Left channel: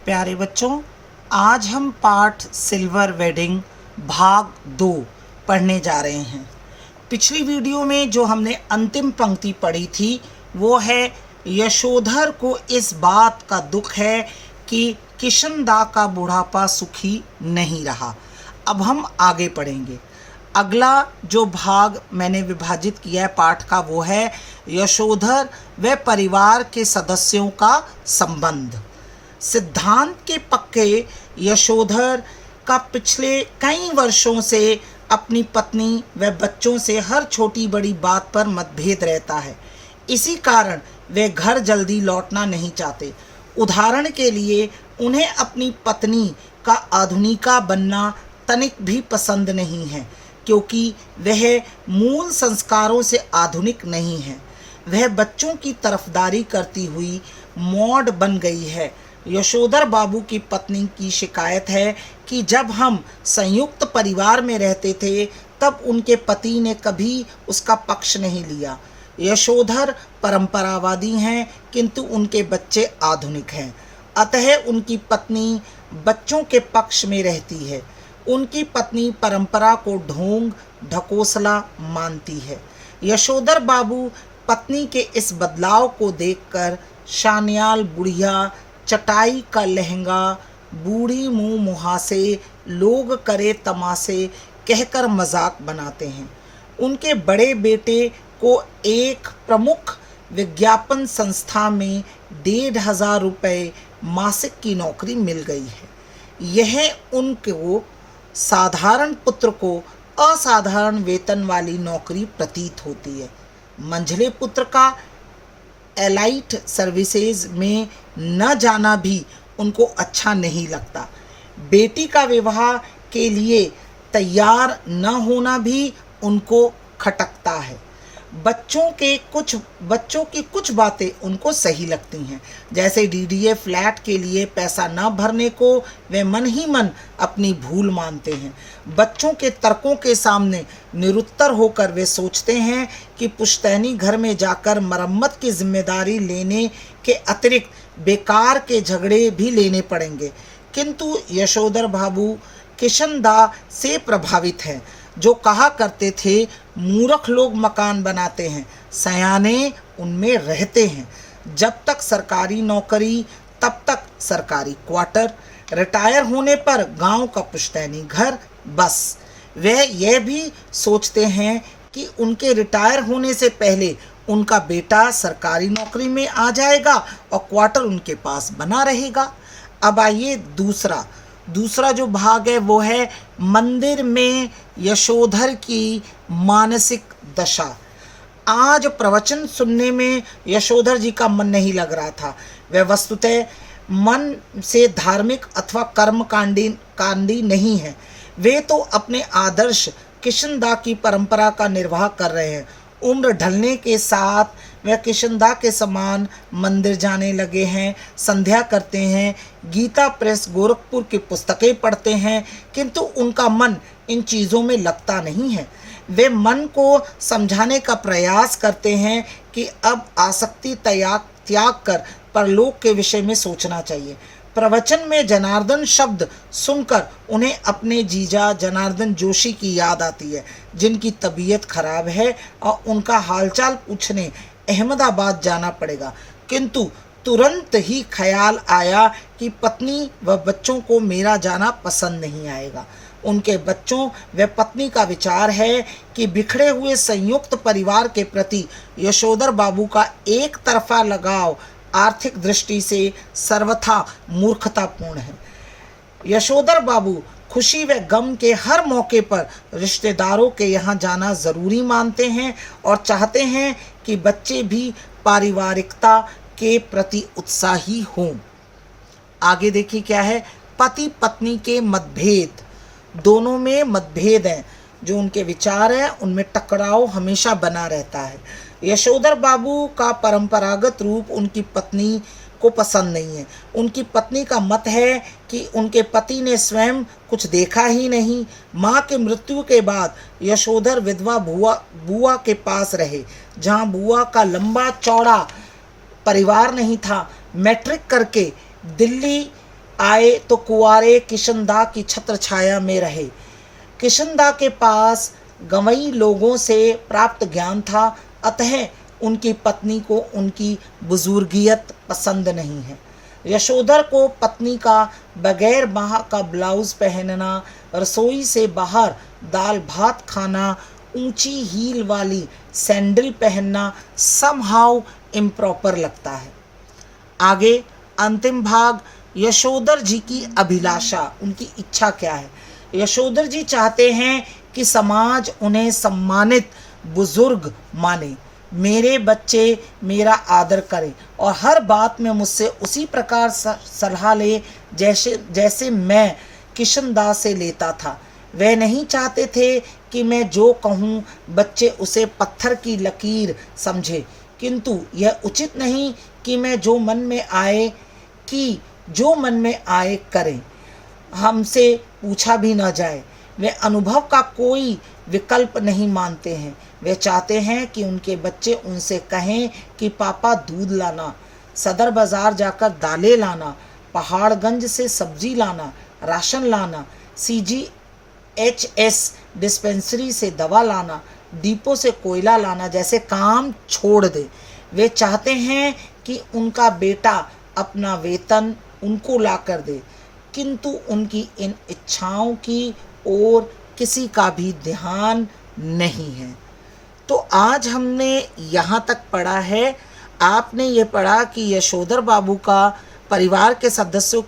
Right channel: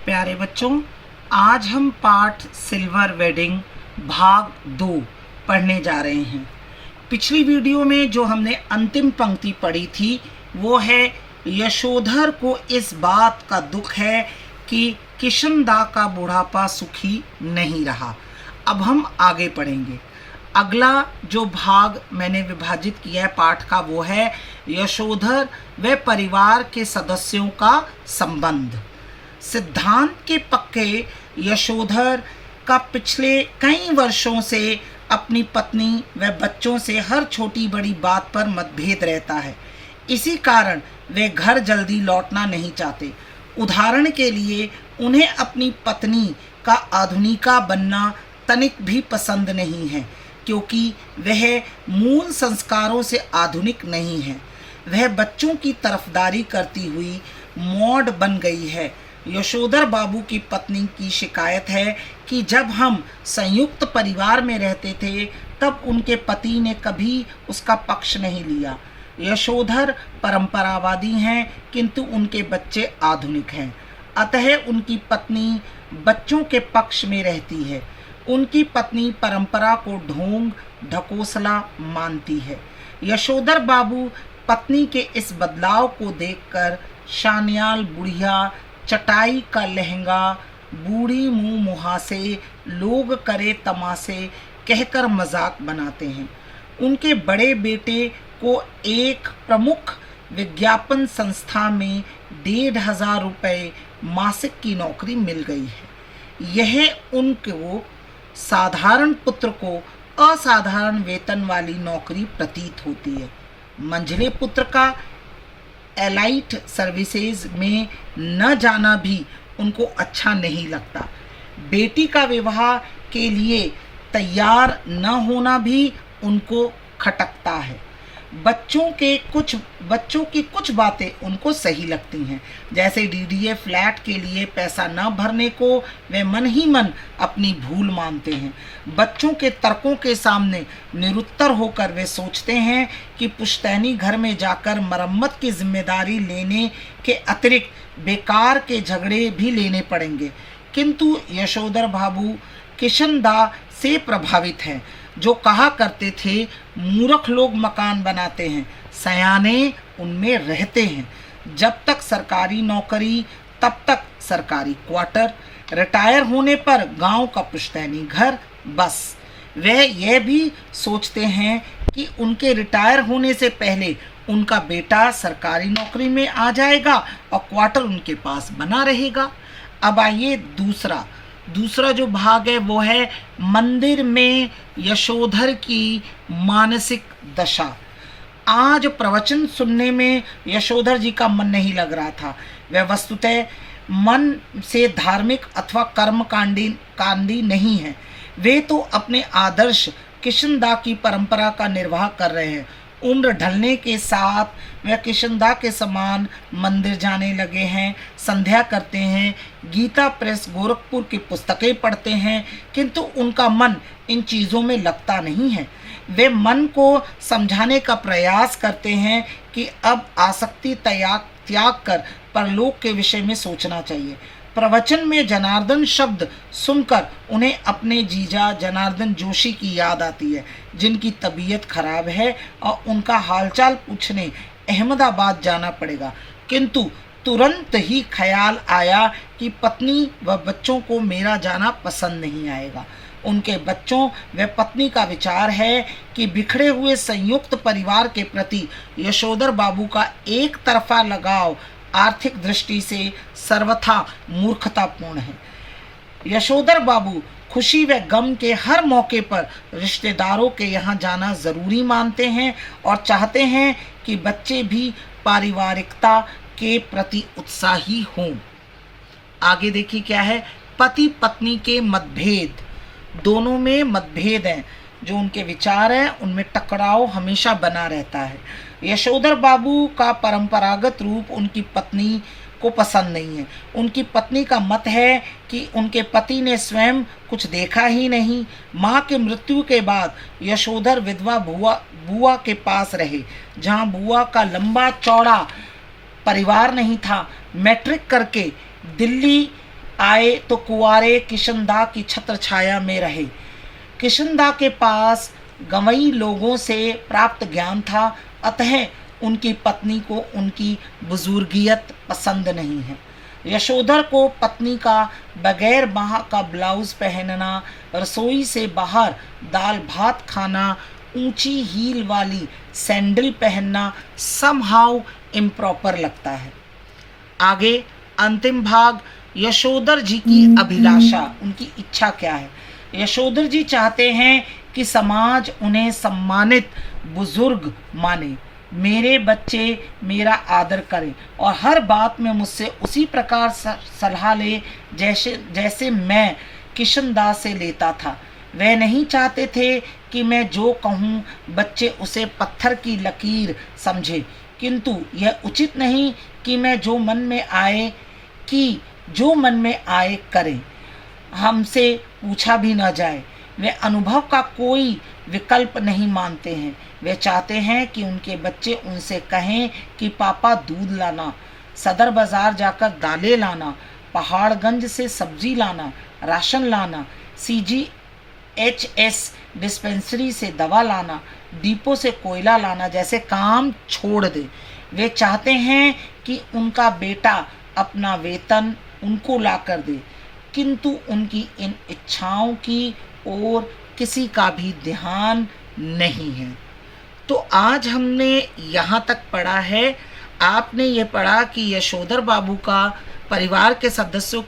प्यारे बच्चों, आज हम पाठ सिल्वर वेडिंग भाग 2 पढ़ने जा रहे हैं। पिछली वीडियो में जो हमने अंतिम पंक्ति पढ़ी थी वो है, यशोधर को इस बात का दुख है कि किशनदा का बुढ़ापा सुखी नहीं रहा। अब हम आगे पढ़ेंगे। अगला जो भाग मैंने विभाजित किया है पाठ का वो है यशोधर व परिवार के सदस्यों का संबंध। सिद्धांत के पक्के यशोधर का पिछले कई वर्षों से अपनी पत्नी व बच्चों से हर छोटी बड़ी बात पर मतभेद रहता है। इसी कारण वे घर जल्दी लौटना नहीं चाहते। उदाहरण के लिए उन्हें अपनी पत्नी का आधुनिका बनना तनिक भी पसंद नहीं है, क्योंकि वह मूल संस्कारों से आधुनिक नहीं है। वह बच्चों की तरफदारी करती हुई मॉड बन गई है। यशोधर बाबू की पत्नी की शिकायत है कि जब हम संयुक्त परिवार में रहते थे तब उनके पति ने कभी उसका पक्ष नहीं लिया। यशोधर परंपरावादी हैं, किंतु उनके बच्चे आधुनिक हैं, अतः उनकी पत्नी बच्चों के पक्ष में रहती है। उनकी पत्नी परंपरा को ढोंग ढकोसला मानती है। यशोधर बाबू पत्नी के इस बदलाव को देखकर शानियाल बुढ़िया, चटाई का लहंगा, बूढ़ी मुँह मुहासे, लोग करे तमाशे कहकर मजाक बनाते हैं। उनके बड़े बेटे को एक प्रमुख विज्ञापन संस्था में 1,500 रुपये मासिक की नौकरी मिल गई है। यह उनको साधारण पुत्र को असाधारण वेतन वाली नौकरी प्रतीत होती है। मंझले पुत्र का एलाइट सर्विसेज में न जाना भी उनको अच्छा नहीं लगता। बेटी का विवाह के लिए तैयार न होना भी उनको खटकता है। बच्चों की कुछ बातें उनको सही लगती हैं, जैसे डीडीए फ्लैट के लिए पैसा न भरने को वे मन ही मन अपनी भूल मानते हैं। बच्चों के तर्कों के सामने निरुत्तर होकर वे सोचते हैं कि पुश्तैनी घर में जाकर मरम्मत की जिम्मेदारी लेने के अतिरिक्त बेकार के झगड़े भी लेने पड़ेंगे। किंतु यशोधर बाबू किशनदा से प्रभावित हैं, जो कहा करते थे मूर्ख लोग मकान बनाते हैं, सयाने उनमें रहते हैं। जब तक सरकारी नौकरी तब तक सरकारी क्वार्टर, रिटायर होने पर गांव का पुश्तैनी घर, बस। वह यह भी सोचते हैं कि उनके रिटायर होने से पहले उनका बेटा सरकारी नौकरी में आ जाएगा और क्वार्टर उनके पास बना रहेगा। अब आइए दूसरा जो भाग है वो है मंदिर में यशोधर की मानसिक दशा। आज प्रवचन सुनने में यशोधर जी का मन नहीं लग रहा था। वह वस्तुतः मन से धार्मिक अथवा कर्मकांडी नहीं है। वे तो अपने आदर्श किशनदा की परंपरा का निर्वाह कर रहे हैं। उम्र ढलने के साथ वह किशनदा के समान मंदिर जाने लगे हैं, संध्या करते हैं, गीता प्रेस गोरखपुर की पुस्तकें पढ़ते हैं, किंतु उनका मन इन चीज़ों में लगता नहीं है। वे मन को समझाने का प्रयास करते हैं कि अब आसक्ति त्याग कर परलोक के विषय में सोचना चाहिए। प्रवचन में जनार्दन शब्द सुनकर उन्हें अपने जीजा जनार्दन जोशी की याद आती है, जिनकी तबीयत खराब है और उनका हालचाल पूछने अहमदाबाद जाना पड़ेगा। किंतु तुरंत ही ख्याल आया कि पत्नी व बच्चों को मेरा जाना पसंद नहीं आएगा। उनके बच्चों व पत्नी का विचार है कि बिखरे हुए संयुक्त परिवार के प्रति यशोधर बाबू का एक तरफा लगाव आर्थिक दृष्टि से सर्वथा मूर्खतापूर्ण है। यशोधर बाबू खुशी व गम के हर मौके पर रिश्तेदारों के यहाँ जाना ज़रूरी मानते हैं और चाहते हैं कि बच्चे भी पारिवारिकता के प्रति उत्साही हों। आगे देखिए क्या है, पति पत्नी के मतभेद। दोनों में मतभेद हैं, जो उनके विचार हैं उनमें टकराव हमेशा बना रहता है। यशोधर बाबू का परंपरागत रूप उनकी पत्नी को पसंद नहीं है। उनकी पत्नी का मत है कि उनके पति ने स्वयं कुछ देखा ही नहीं। माँ के मृत्यु के बाद यशोधर विधवा बुआ के पास रहे, जहाँ बुआ का लंबा चौड़ा परिवार नहीं था। मैट्रिक करके दिल्ली आए तो कुंवारे किशनदा की छत्र छाया में रहे। किशनदा के पास गंवई लोगों से प्राप्त ज्ञान था, अतः उनकी पत्नी को उनकी बुजुर्गियत पसंद नहीं है। यशोधर को पत्नी का बगैर बाह का ब्लाउज पहनना, रसोई से बाहर दाल भात खाना, ऊंची हील वाली सैंडल पहनना समहाउ इम्प्रॉपर लगता है। आगे अंतिम भाग, यशोधर जी की अभिलाषा, उनकी इच्छा क्या है। यशोधर जी चाहते हैं कि समाज उन्हें सम्मानित बुजुर्ग माने, मेरे बच्चे मेरा आदर करें और हर बात में मुझसे उसी प्रकार सलाह ले जैसे मैं किशनदास से लेता था। वे नहीं चाहते थे कि मैं जो कहूँ बच्चे उसे पत्थर की लकीर समझे, किंतु यह उचित नहीं कि मैं जो मन में आए करें, हमसे पूछा भी न जाए। वे अनुभव का कोई विकल्प नहीं मानते हैं। वे चाहते हैं कि उनके बच्चे उनसे कहें कि पापा दूध लाना, सदर बाज़ार जाकर दालें लाना, पहाड़गंज से सब्जी लाना, राशन लाना, CGHS डिस्पेंसरी से दवा लाना, डिपो से कोयला लाना जैसे काम छोड़ दे। वे चाहते हैं कि उनका बेटा अपना वेतन उनको ला कर दे, किंतु उनकी इन इच्छाओं की ओर किसी का भी ध्यान नहीं है। तो आज हमने यहाँ तक पढ़ा है। आपने ये पढ़ा कि यशोधर बाबू का परिवार के सदस्यों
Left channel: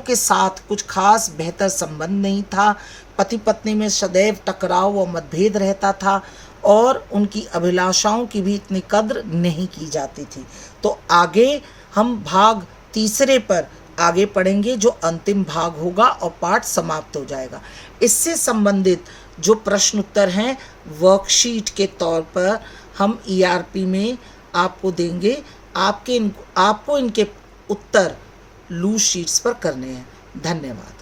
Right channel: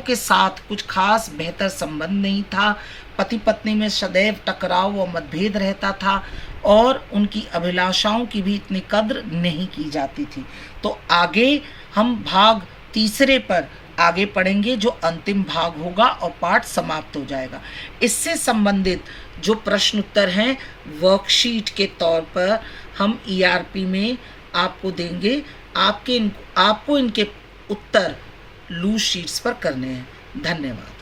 के साथ कुछ खास बेहतर संबंध नहीं था। पति पत्नी में सदैव टकराव व मतभेद रहता था और उनकी अभिलाषाओं की भी इतनी कद्र नहीं की जाती थी। तो आगे हम भाग तीसरे पर आगे पढ़ेंगे, जो अंतिम भाग होगा और पाठ समाप्त हो जाएगा। इससे संबंधित जो प्रश्न उत्तर हैं वर्कशीट के तौर पर हम ERP में आपको देंगे। आपको इनके उत्तर लूज शीट्स पर करने हैं। धन्यवाद।